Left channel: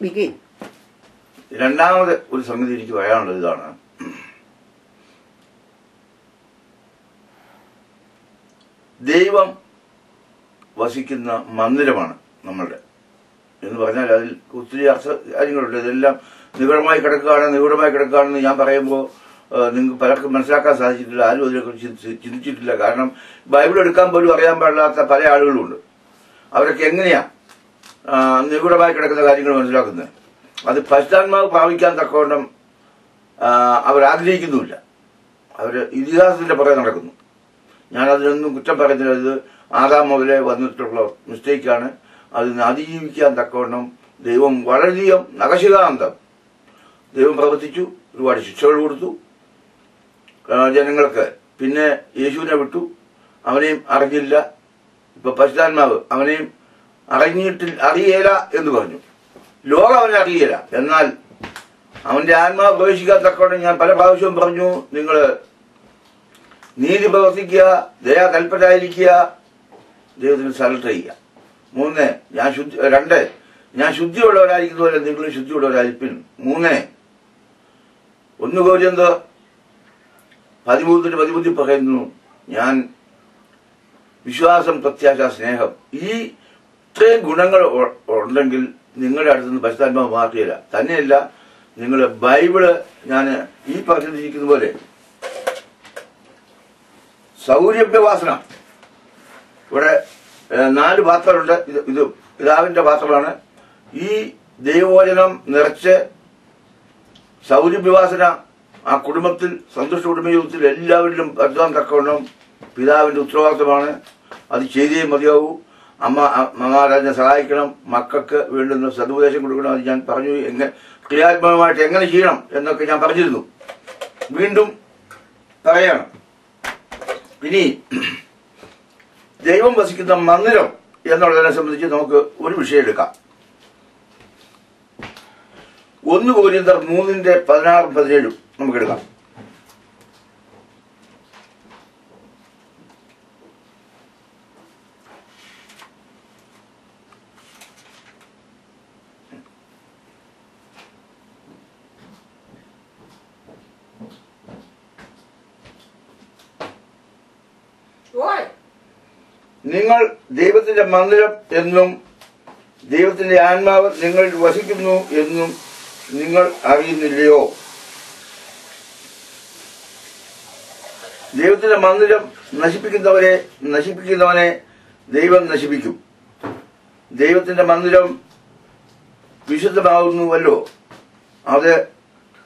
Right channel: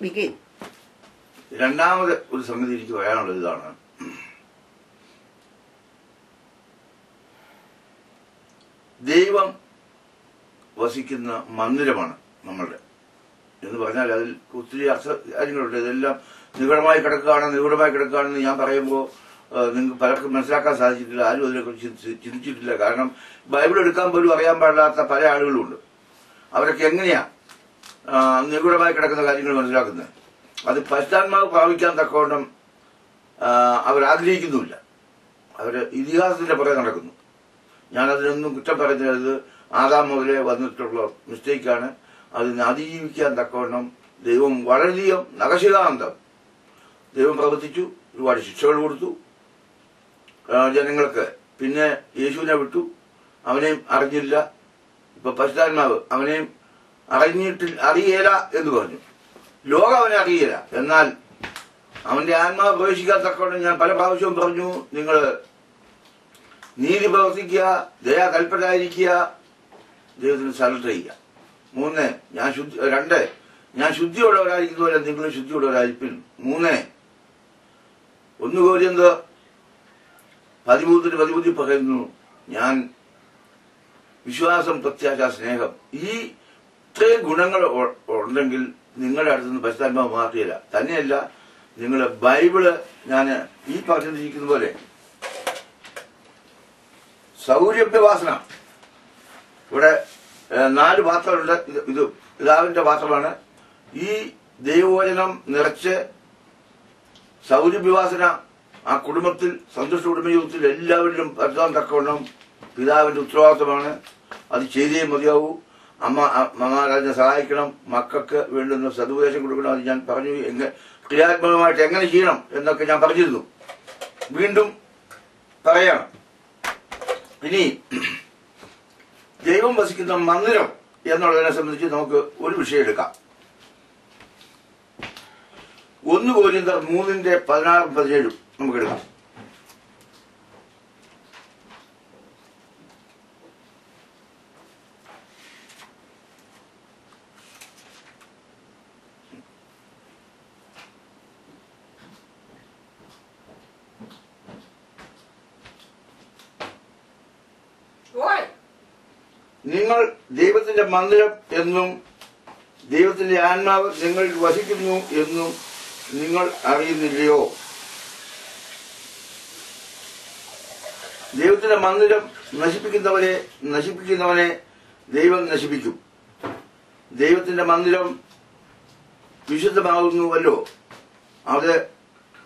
begin. രണ്ടാമത് ഒരു സംഗതി എനിക്ക് പറയാനുള്ളത് ഇതാണ്. ദൈവം വസിക്കുന്ന മന്ദിരമാണ് നമ്മളുടെ എന്ന് പറഞ്ഞാൽ അതിൽ ഒത്തിരി കാര്യങ്ങളുണ്ട്. ഇതെല്ലാം നിഗൂഢമായി കിടക്കുകയാണെന്ന് ഞാൻ പറയുമ്പോൾ നിങ്ങൾക്ക് പലർക്കും മനസ്സിലാക്കാൻ സാധിച്ചിട്ടില്ല. ആരും അതിനെക്കുറിച്ച് ചിന്തിച്ചിട്ടില്ല. കാരണം ബൈബിൾ എടുക്കാൻ പോലും അറിയാൻ പാടില്ലാത്ത പല ആളുകളുമുണ്ട്. അവരൊക്കെ എങ്ങനെയാ നിഗൂഢമായി കിടക്കുന്ന കാര്യങ്ങൾ മനസ്സിലാക്കുന്നത്? അത് പശ്ചാത്മാവ് പ്രാപിക്കാൻ തക്കവണ്ണം അവർ ആഗ്രഹിക്കുന്നുമില്ല. അവർ ഇതിഹാസത്തിന്റെ പുറകെ നടക്കുന്നു. ഞാൻ അതിനൊന്നും കുറ്റം പറയുന്നില്ല. ഇത് ആദാം മുതലേ വന്നിട്ടുള്ള മിസ്റ്റേക്കാണ്. അതിനെ അതിജീവിക്കാൻ തക്കവണ്ണം ദൈവം വളരെയധികം നഖശികാന്തം ദൈവം പ്രവർത്തിച്ചു. ഒരുപാട് ശിക്ഷകൾ കൊടുത്തു ജനങ്ങൾക്ക്. പിന്നെ യേശുവിനെ വിട്ടു. അവനെയും അറിഞ്ഞില്ല. ഇപ്പൊ പശുതാത്മാവ് അവനെയും അറിയേല എന്ന് പറഞ്ഞു. ലോകം അവനെ അറിയില്ല. എന്നാൽ അവന്റെ ആത്മാവ് പ്രവേശിക്കാൻ തക്കവണ്ണം ഞാൻ പല പ്രാവശ്യവും പറഞ്ഞു, നിങ്ങൾ നീതി പ്രവർത്തിക്കുക, ദയാ തൽപരായിരിക്കുക, ദൈവത്തിന് സറണ്ടർ ചെയ്യുക. 2 ഞാൻ ശുദ്ധിയുള്ളവരായിരിക്കുന്നതുപോലെ നിങ്ങളും ശുദ്ധിയുള്ളവരായിരിക്കും. 1 കൊരിന്ത്യർ 13 പറയുന്നു, ഞാൻ വിശ്വാസം, പ്രത്യാശ, സ്നേഹം, ഈ ഇത്രയും ഗുണങ്ങൾ ഉണ്ടെങ്കിൽ നിങ്ങളുടെ അടുത്തുനിന്ന് പരിശുദ്ധാത്മാവ് മാറ്റിയില്ല. തന്നെയല്ല, നിങ്ങൾ ബൈബിള് ഞാൻ ഈ പറഞ്ഞിരിക്കുന്ന പോലെ സൗരഭ്യവാസന. ഇവിടെ 4 പാത്രമുണ്ട്. ഇത് പിതാവിന്റെ പാത്രമാണ്. ഈ ദൈവവചനം നിറച്ച് സൗരഭ്യവാസന ആ കുടുംബത്തിൽ, സന്തുഷ്ട കുടുംബജീവിതത്തിൽ എല്ലാവരിലും പരത്താൻ തക്കവണ്ണം പിതാവിന്റെ ഉത്തരവാദിത്തമാണ്. അത് ചെയ്തേ മതിയാവൂ. അമ്മമാരെ സഹായിക്കണം, മക്കൾക്ക് വേണ്ടുന്ന സതുപദേശം കൊടുക്കണം. അത് ഞാൻ പറഞ്ഞു. ക്രിയാത്മകമായിട്ട് എങ്ങനെ ചെയ്യണം എന്നൊക്കെ ഞാൻ പറഞ്ഞിരുന്നു. വീണ്ടും പറയാണ്. ഇനി ദൈവം വസിക്കുന്ന മന്ദിരം എന്നുള്ളതിനെ സംബന്ധിച്ച് നമുക്ക് ഒരു വിഷയം എടുക്കാം. 1 കൊരിന്ത്യർ 3:16-17 നമുക്കെടുക്കാം. നിങ്ങൾ ദൈവത്തിന്റെ മന്ദിരം എന്നും ദൈവത്തിന്റെ ആത്മാവ് നിങ്ങളിൽ വസിക്കുന്നു എന്നും നിങ്ങൾ അറിയുന്നില്ലയോ? ദൈവത്തിന്റെ മന്ദിരം നശിപ്പിക്കുന്നവനെ ദൈവം നശിപ്പിക്കും. ദൈവത്തിന്റെ മന്ദിരം വിശുദ്ധമാകുന്നുവല്ലോ, അത്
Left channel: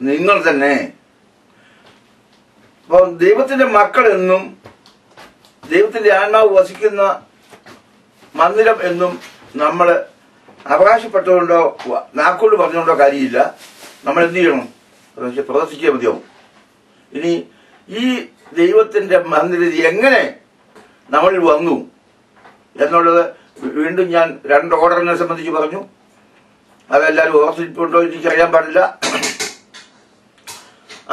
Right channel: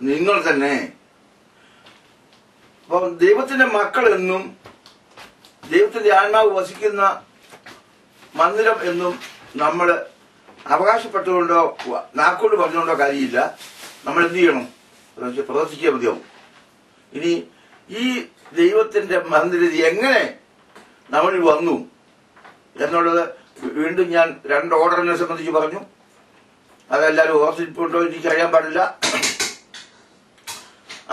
നിങ്ങൾ തന്നെ. അപ്പോൾ ദൈവത്തിന്റെ മക്കൾ എന്നും ദൈവത്തിന്റെ ആത്മാവ് വസിക്കുന്ന മന്ദിരം എന്നും നമ്മൾ അവകാശപ്പെട്ടുകൊണ്ടോ നാക്കോട് പറഞ്ഞുകൊണ്ടോ കാര്യമില്ല. നമ്മൾ എന്ത് ചെയ്യണം? പ്രവർത്തിക്കുക മതിയാവും. ഇനി ഈ ദൈവത്തിന്റെ മന്ദിരം എങ്ങനെ നമ്മളിൽ വന്നു എന്നുള്ളത് വീണ്ടും ഞാൻ 2 ഓർഡറിനെ സംബന്ധിച്ച് പറഞ്ഞു. അതെല്ലാവരും ഓർത്തിട്ടുണ്ടോ എനിക്കറിയാൻ പാടില്ല.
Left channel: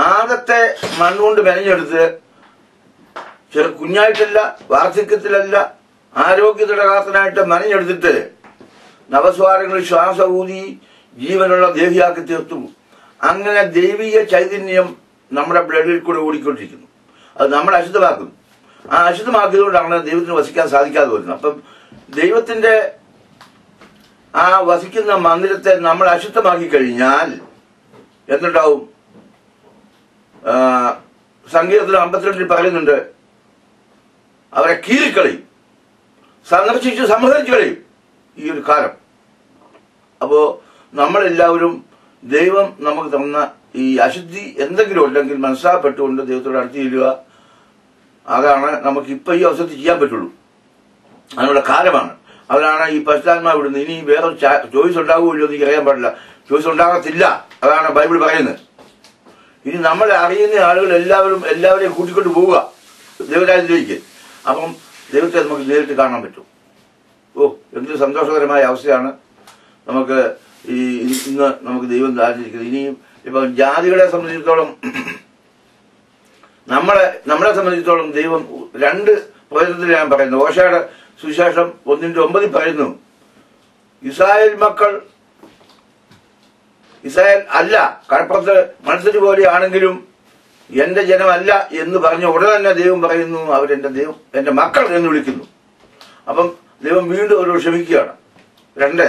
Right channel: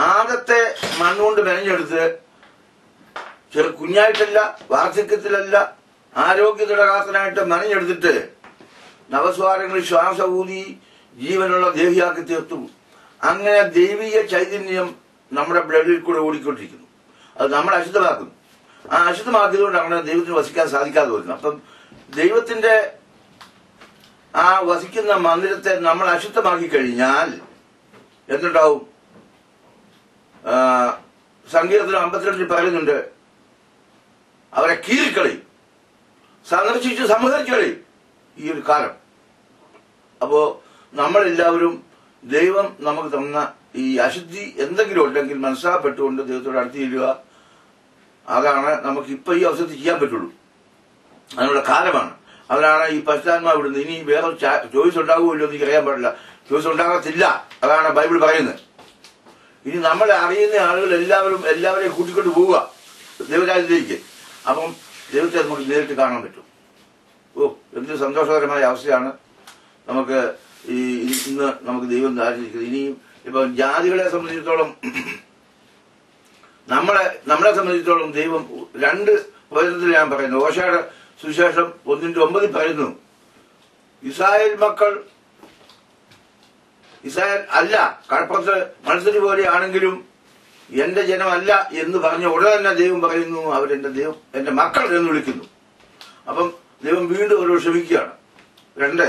ആദ്യത്തെ മണ്ണുകൊണ്ട് മെനഞ്ഞെടുത്ത് കുഞ്ഞായിട്ടല്ല, വാർദ്ധക്യത്തിലല്ല, ആരോഗ്യത്തിടകാത്തനായിട്ട് മെനഞ്ഞെടുത്തിട്ട് നവസ്വാരങ്ങളിൽ ശ്വാസ ഊതി ജീവനുള്ള ദേഹിയാക്കി തീർത്തു. അങ്ങനെ ദൈവീയ ചൈതന്യം നമ്മുടെ ബ്ലഡിൽ കൂടെ ഓടിക്കൊണ്ടിരിക്കുന്നു. അത് നമ്മൾ അശുദ്ധമാക്കുന്നു. ആ അശുദ്ധമാക്കിയതുകൊണ്ടാണ് ദൈവത്തിന് വസിക്കാൻ സാധിക്കാതെ വരുന്നത്. അപ്പം ദൈവത്തിന്റെ ആ വസിക്കുന്ന മന്ദിരത്തെ നമ്മൾ അശുദ്ധമാക്കി കഴിഞ്ഞാൽ എന്തുണ്ടാവും? സങ്കീർത്തനം 52 പറയുന്നുണ്ട്, അവരെ കീറിക്കളയും, സന്ദർശിച്ച് സംഹരിച്ചു കളയും ഈ ഒരു കാലം. അപ്പോ നമ്മളെല്ലാവരും ദൈവം നമുക്ക് തന്ന ഈ അശുദ്ധി എന്തെങ്കിലും ഉണ്ടെങ്കിൽ മനസ്സിലാപ്പെട്ടുകൊണ്ട് ദൈവത്തോട് അടുത്ത് ചെല്ലുക. അതാണ് നമുക്ക് ഇപ്പൊ ഈ അവസരത്തിൽ ചെയ്യാൻ പറ്റുള്ളൂ. അതിനുള്ള കാലമാണ്. അതിനാണ് ഈ പശ്ചാത്മാവ് വിടുന്നത്. ഇനി വേറെ ചോയ്സ് ഉണ്ടാകുമല്ലോ എന്ന് എനിക്ക് അറിയാൻ പാടില്ല. ചോയ്സ് ഉണ്ടാകത്തില്ല. അതാണ് ബൈബിൾ പറയുന്നത്. ഇനി നമ്മളെ അറിയുന്ന ആളുകൾ എല്ലാവരെയും കൂട്ടിക്കൊണ്ട് പോവുക ദൈവരാജ്യത്തിലേക്ക്. അപ്പം ദൈവത്തെ നമുക്ക് നേരിട്ട് കാണാൻ പറ്റും. എന്തൊരു സന്തോഷകരമായ അവസ്ഥയാണ് നമുക്ക് ഇന്ന് നമുക്ക് ദൈവം ദാരിച്ചിരിക്കുന്നത്. ഇനിയും ഇപ്പൊ ജാതികളെ സംബന്ധിച്ചിടത്തോളം നമ്മളെ സംബന്ധിച്ചിടത്തോളം ദൈവം 2 പ്രവചനത്തിൽ ഞാൻ പറയുന്നു. ഓശയുടെ സുവിശേഷം 1:9 പറയുന്നു, ഇസ്രായേൽ മക്കൾ ഇസ്രായേൽ അല്ല, കടപ്പുറത്ത് മത്സരി പോലെയാണെങ്കിലും എന്റെ ജനമല്ല എന്ന് പറഞ്ഞ ഉടനെ തന്നെ ദൈവം പറയുന്നു അവരെന്റെ ദൈവം, എന്റെ മക്കൾ എന്ന് വിളിക്കുന്നു. അപ്പം ദൈവം വീണ്ടും അവരോട് ക്ഷമിക്കുകയാണ്. 2,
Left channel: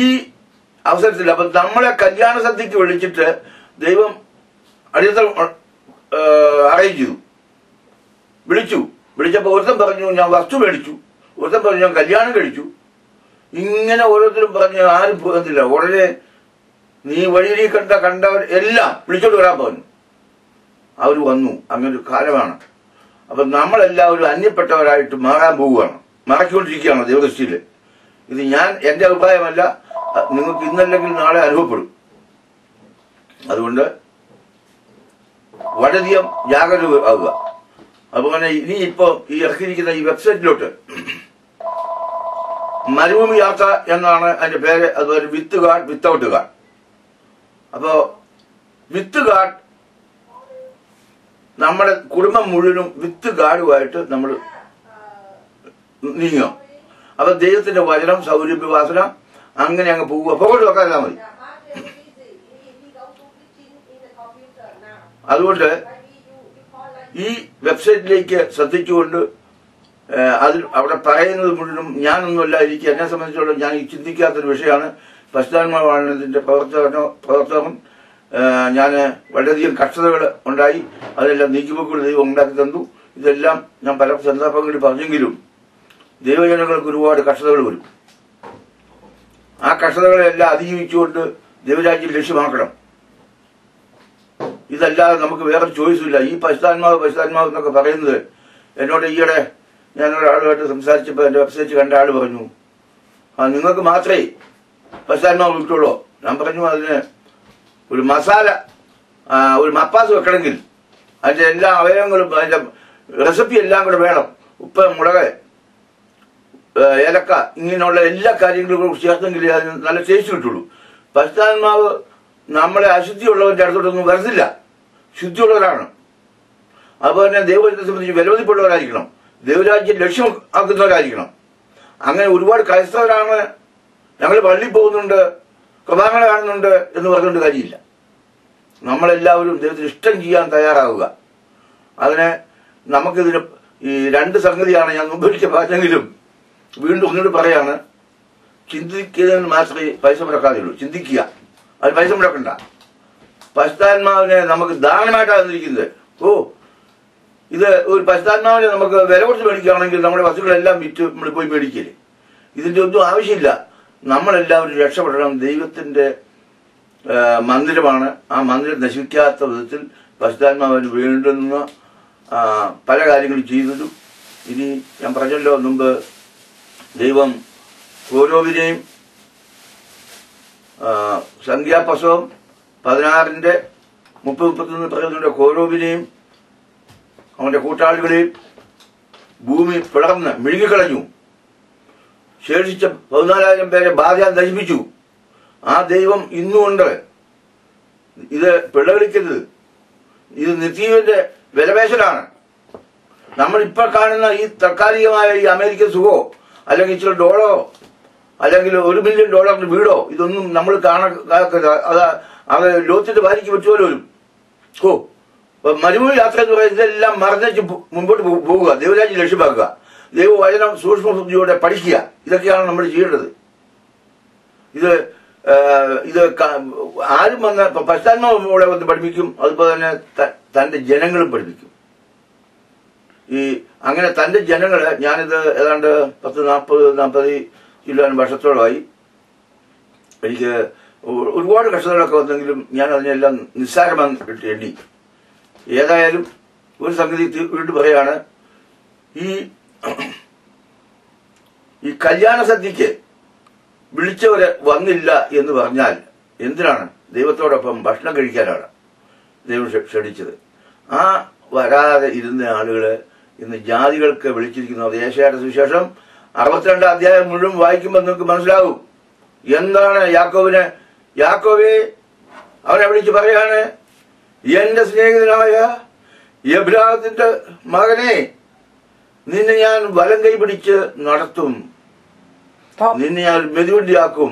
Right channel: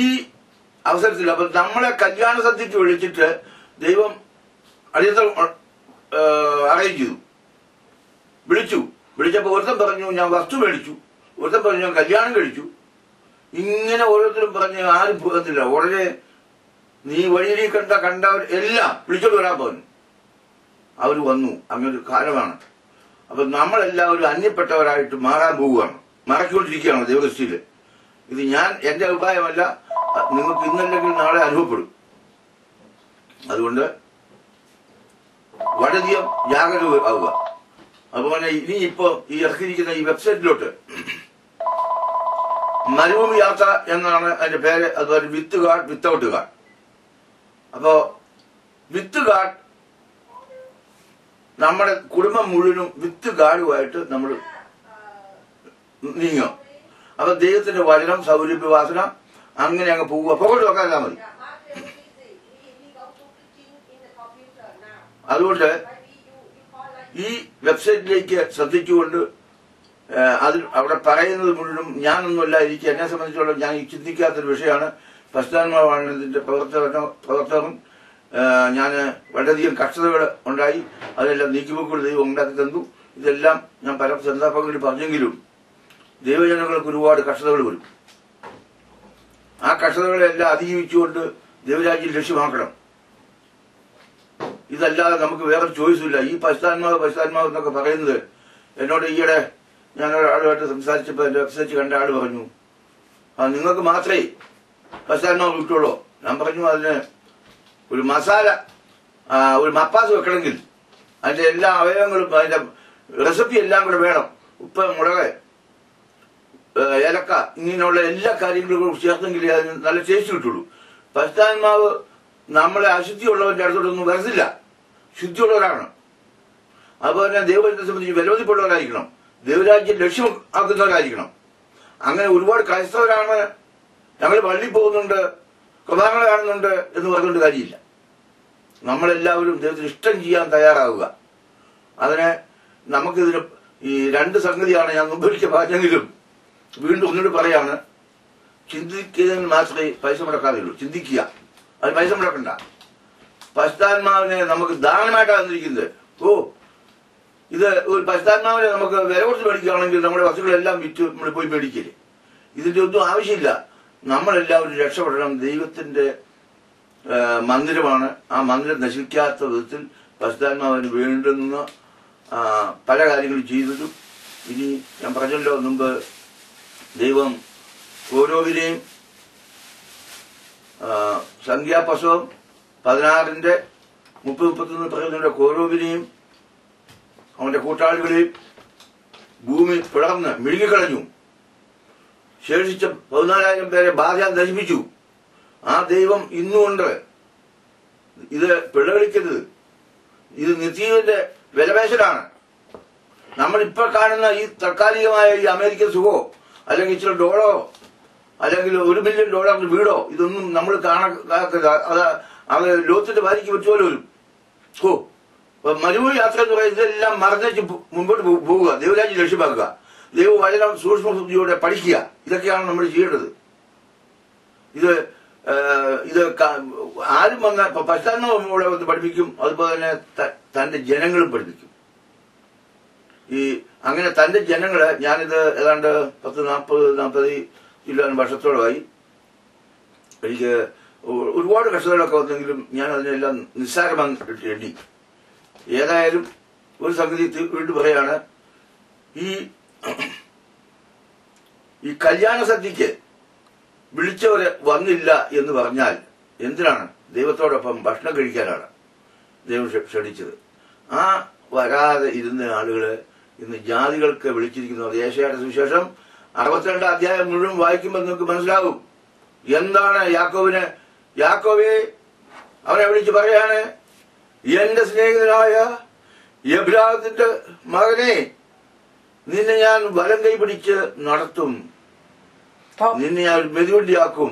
ഈ അവസരത്തിൽ അപ്പം നമ്മളെ കല്യാണ സദ്യക്ക് വിളിച്ചിട്ട് ദൈവം അടിയന്തരം അറേഞ്ച് ചെയ്തു, വിളിച്ചപ്പോ ഒരുത്തൻ പറഞ്ഞു ഞാൻ വസ്തു മേടിച്ചു, ഒരുത്തൻ പറഞ്ഞു ഞാൻ കല്യാണം കഴിച്ചു. ഇങ്ങനെ ഓരോരുത്തരും പറഞ്ഞ് ആരും പോകുന്നില്ല. ഉടനെ നീ വഴിയിൽ കണ്ടവർ എല്ലാം വിളിച്ചോണ്ട് വരാൻ പറഞ്ഞു. അവർ വന്നു. അങ്ങനൊരു കാലമാണ്. അപ്പൊ നമ്മളെല്ലാവരും അന്യപ്പെട്ടവരായിട്ട് മാറാൻ പോവുകയാണ്, മറക്കൊണ്ടിരിക്കുകയാണ് ദൈവദൃഷ്ടിയിൽ. ഇത് എന്റെ അഭിപ്രായമല്ല, നിങ്ങൾക്ക് ഇന്നല്ലെങ്കിൽ നാളെ അനുഭവപ്പെടും. അതുകൊണ്ട് വളരെയധികം ജാഗ്രത ആവുക. അതുപോലെ ഇനി ഇപ്പൊ ഈ ഇറക്കിയിരിക്കുന്ന ഈ വെബ്സൈറ്റിലോട്ട് മരുഭൂമി യാത്ര എന്നാണ് അതിന്റെ പേര്. അതുപോലെ വിത്ത് ഗാർഡ്, വിത്തൗട്ട് ഗാർഡ്. അപ്പോ വിത്ത് ഗാർഡ് നമ്മുടെ കുടുംബം മുഴുവനും വിത്ത് ഗാർഡുമായിട്ട് നമ്മൾ നീങ്ങും. അപ്പൊ ദൈവത്തിന്റെ വചനം, സൗരഭ്യവാസന അങ്ങനെ അങ്ങ് പോവുക. പുറകോട്ട് വെക്കാനാ മതി. അതുകൊണ്ട് ഈ വെബ്സൈറ്റിലേക്ക് ശ്രദ്ധിച്ചുകൊണ്ട് അതിൽ അവിടെ പറയുന്നത് മുഴുവനും ഞാനൊന്നുമല്ല, എന്നെ സംബന്ധിച്ചോളം ഞാൻ ചിന്തിക്കാത്തൊരു വിഷയമാണ്. പരിശുദ്ധാത്മാവാണ് ഇതിന്റെ പ്രവർത്തകൻ. ഞാൻ വളരെയധികം കഷ്ടതകൾ ഉണ്ടായി, അതെല്ലാം നീക്കിപ്പോക്കുകൾ ദൈവം ഉണ്ടാക്കി തന്നു. ഇതെല്ലാം ഞാൻ പല സന്ദർഭങ്ങളിൽ പറഞ്ഞെങ്കിലും ദൈവജനങ്ങൾക്ക് ഒരുപാട് കഷ്ടതകൾ വരും. ആ കഷ്ടതകളെല്ലാം അതിജീവിച്ചുകൊണ്ട് ദൈവരാജ്യം ലക്ഷ്യമാക്കണം. ഇതല്ലാതെ നമുക്ക് വേറൊരു ചോയ്സുമില്ല. ഈ പരിശുദ്ധാത്മാവ് എന്നൊക്കെ പറയുന്നത് എന്നോട് ഈയിടെ ഞാൻ ഒരാളുമായിട്ട് സംസാരിച്ചപ്പോൾ എന്റെ വെബ്സൈറ്റ് കണ്ട ആള് പറഞ്ഞു, നിങ്ങൾക്ക് മാത്രമേ പരിശുദ്ധാത്മാവ് കിട്ടുള്ളൂ. ഞാൻ പറഞ്ഞു അതിന് ഒരു മസാല, ഒരു മപ്പാസ് വെക്കണമെങ്കിൽ അതിന്റെ എല്ലാ അവയവങ്ങളും അതിന്റെ റെസിപ്പി എല്ലാം കൂടെ വേണം. ഉപ്പ്, മുളക്, ഏലക്ക, ഇങ്ങനെയുള്ള എല്ലാ കാര്യങ്ങളും ചേർത്തെങ്കിൽ അതിന് നല്ല ടേസ്റ്റ് കിട്ടുള്ളൂ. പരിശുദ്ധാത്മാവ് നമ്മളെ അശുദ്ധിയുള്ളവന്റെ അടുത്തോട്ടൊന്നും വരത്തില്ല, ശുദ്ധിയുള്ളവരാണ്. അതുപോലെ തന്നെ ദൈവത്തെ സംബന്ധിച്ച് വിലമതിപ്പുള്ളവരായിരിക്കണം, ദൈവരാജ്യം ലക്ഷ്യമാക്കുന്നവരായിരിക്കണം. അങ്ങനെ ഒരുപാട് ക്രൈസ്തവരാണ് ഞങ്ങൾ പള്ളിയിൽ പോകുന്നുണ്ട്, കുർബാനകൾ കാണുന്നുണ്ട് എന്ന് പറഞ്ഞുകൊണ്ട് കാര്യമില്ല. നമ്മളെല്ലാവരും ദൈവത്തിന് ഇഷ്ടം ചെയ്യാൻ തയ്യാറാവുക. അതിന് നമുക്കിതിന് ഈ 2 സംഗതിയാണ് ഞാൻ മുമ്പൊരിക്കൽ പറഞ്ഞെങ്കിലും വീണ്ടും ഒന്നുകൂടി പറയാണ്. ചിന്തിക്കുന്നതിന് മാത്രമേ പൈസ മുടക്കാതെയുള്ളൂ. ചിന്തിക്കുക, അത് പൈസ മുടക്കണ്ട. പരിശുദ്ധാത്മാവിനെ നമുക്ക് ദാനമായിട്ടാണ് തന്നിരിക്കുന്നത്. ഇത് ഒരു പരിശുദ്ധാത്മാവിനെ നമുക്ക് വില കൊടുത്ത് മേടിക്കുകയാണെങ്കിൽ നമ്മുടെ വസ്തുക്കളെല്ലാം വിറ്റ് നമ്മൾ പോയി മേടിക്കല്ലേ. ഇതിന്റെ ഒന്നും ആവശ്യമില്ല. നമ്മളെല്ലാവരും രക്ഷപ്പെടണം. ദൈവത്തിന്റെ മന്ദിരമാണ്. ആ മന്ദിരം നശിക്കാത്ത വിധത്തിൽ പരിശുദ്ധാത്മാവിന് വേണ്ടുന്ന പല കാര്യങ്ങളും ചെയ്തതും. ഇനി ഞാൻ പറഞ്ഞല്ലോ മുമ്പ്, ദൈവം ഓരോവിനെയും സംഖ്യാപുസ്തകം 16:30-31 പറയുന്ന കോരോവിനെയും അവന്റെ കൂട്ടാളികളെയും ഭൂമി പിളർന്ന് മിഴുകിക്കളഞ്ഞു. ശേഷിച്ച 14,000 പേരെ ബാധ നശിപ്പിച്ചു. ആ ദൈവം ഇന്നുകൊണ്ട് ഇത് പിഴവിളിക്കരുത്. ഇത് നിത്യത്തിന്റെ വിലപേശലാണ്. നമ്മൾ ഇപ്പോൾ കാണുന്ന ഈ താൽക്കാലികമായ ഈ അമേരിക്കൻ സുഖമോ അല്ലെങ്കിൽ ഇച്ചിരി ഡോളറോ അല്ലെങ്കിൽ $1 മില്യൺ വീടോ ഇതൊന്നും നമ്മൾ അത് ലോകത്തിന്റെ ഭാര്യയ്ക്ക് പറ്റുമല്ലോ വരും. മരുഭൂമി യാത്ര എന്ന് പറയുന്നത് ഇതെല്ലാം മറന്നേച്ച് മുമ്പോട്ട് പോവുക, ദൈവരാജ്യം ലക്ഷ്യമാക്കുക, ദൈവവചനം സൂക്ഷ്മബുദ്ധിയോടെ പഠിക്കുക. ഇതൊക്കെയാണ് നമ്മൾ ചെയ്യേണ്ടത്. ഇത് ആരും വന്ന് പരിശുദ്ധാത്മാവോടെ വന്ന് പഠിപ്പിക്കും. അതുപോലെ തന്നെ തന്റെ ജനങ്ങളും പഠിപ്പിക്കും. അങ്ങനെ തന്റെ ജനങ്ങള്, ഞാനിത് ഏതാണ്ട് 40 വർഷത്തോളമായി. എനിക്ക് ഒരുപാട് കഷ്ടതകളൊക്കെ വന്നെങ്കിലും ഞാൻ അതിനെല്ലാം നിസ്സാരമായി എണ്ണി. ഏതായാലും ഒരു സംഗതി വീണ്ടും പറയാണ്, ഈ കല്യാണ സദ്യക്ക് വിളിച്ചവര് വന്നില്ല എന്ന് പറഞ്ഞാൽ എന്തിനാണ്? ദൈവത്തോടൊപ്പം ഭക്ഷണം കഴിക്കാനാണ് ദൈവം ക്ഷണിച്ചത്. ആ വരാതെ ഇരുന്ന ആളുകള് ഇന്ന് ജാതികൾക്ക് വിളിച്ചിരിക്കുന്നത്. യേശയ്യായുടെ സുവിശേഷം 62 അധ്യായം മുഴുവൻ വായിക്കുമ്പോൾ നിങ്ങൾക്ക് മനസ്സിലാവും എന്താണ് യാക്കോബേ അവനെ വിളിച്ച് പറയാണ്, എന്റെ സ്നേഹിതനായ എബ്രാഹത്തിന്റെ മകനെ, നിന്നെ ഞാൻ വലം കൈ പിടിച്ച് നടത്തും, നിന്നെ ഞാൻ മെതിവണ്ടിയാക്കും.